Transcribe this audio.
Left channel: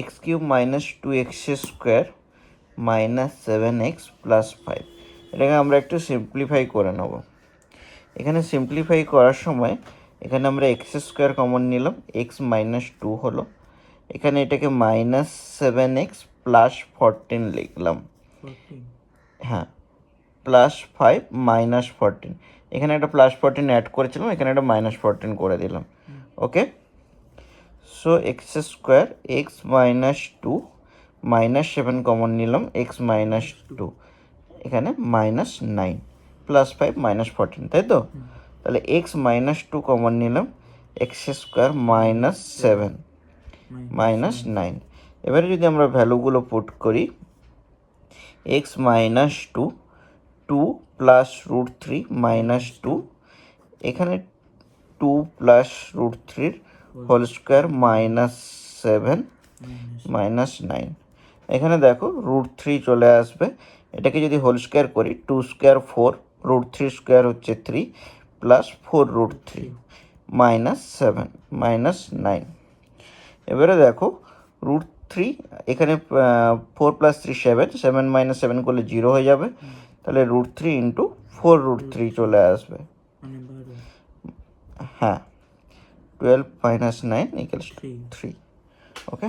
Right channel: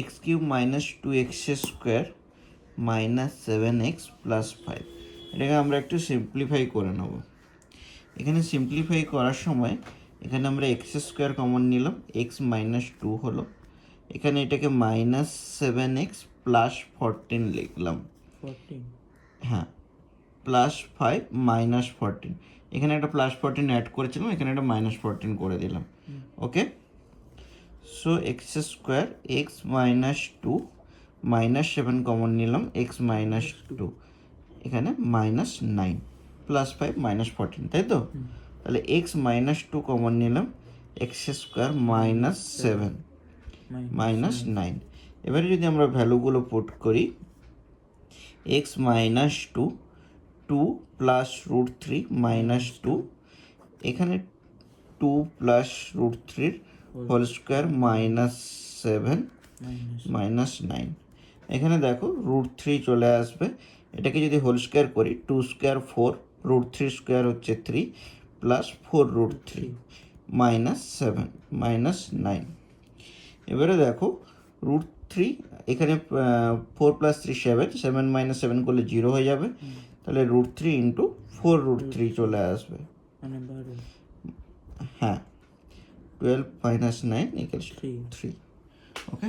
X cube minus 2x square minus 7x plus 5। এটাকে আমরা একটু সিম্পলিফাই করে নেব। এখানে সিম্পলিফাই করার সময় এখানে আমরা এক্স স্কোয়ার কমন নিলাম, এক্স মাইনাস 2 হলো, এখানে এটাকে মাইনাস 7x প্লাস 14 লিখলাম। হ্যাঁ, প্লাস 5 মাইনাস 14, এখানে একটা প্লাস 14 অ্যাড করেছিলাম, এখানে একটা মাইনাস 14 করে দিলাম। Okay, so x square x minus 2 minus 7 common নিলাম, এক্স মাইনাস 2, এখানে মাইনাস 9 প্লাস 5 মাইনাস 14, তাই তো? তাহলে এক্স মাইনাস 2 কমন নিলাম, এক্স স্কোয়ার মাইনাস 7 মাইনাস 9। এবারে যদি আমরা ভ্যালুগুলো পুট করি, x minus 2, 2 plus root 3 minus 2, এখানে 2 plus root 3 whole square minus 7 minus 9। এখানে দেখো রুট 3 চলে আসবে, এটাকে যদি হোল স্কোয়ার করি 2 স্কোয়ার 4, রুট 3 স্কোয়ার হচ্ছে 3 প্লাস 4 রুট 3 মাইনাস 7 মাইনাস 9। এবারে দেখো রুট 3, এখানে 4 প্লাস 3 7, 7 মাইনাস 7 করলে 0 হয়ে যাবে, তাহলে রুট 3 ইন্টু 4 রুট 3 চলে আসবে। হ্যাঁ, 12 মাইনাস 9 ইকুয়ালস 3। ওকে।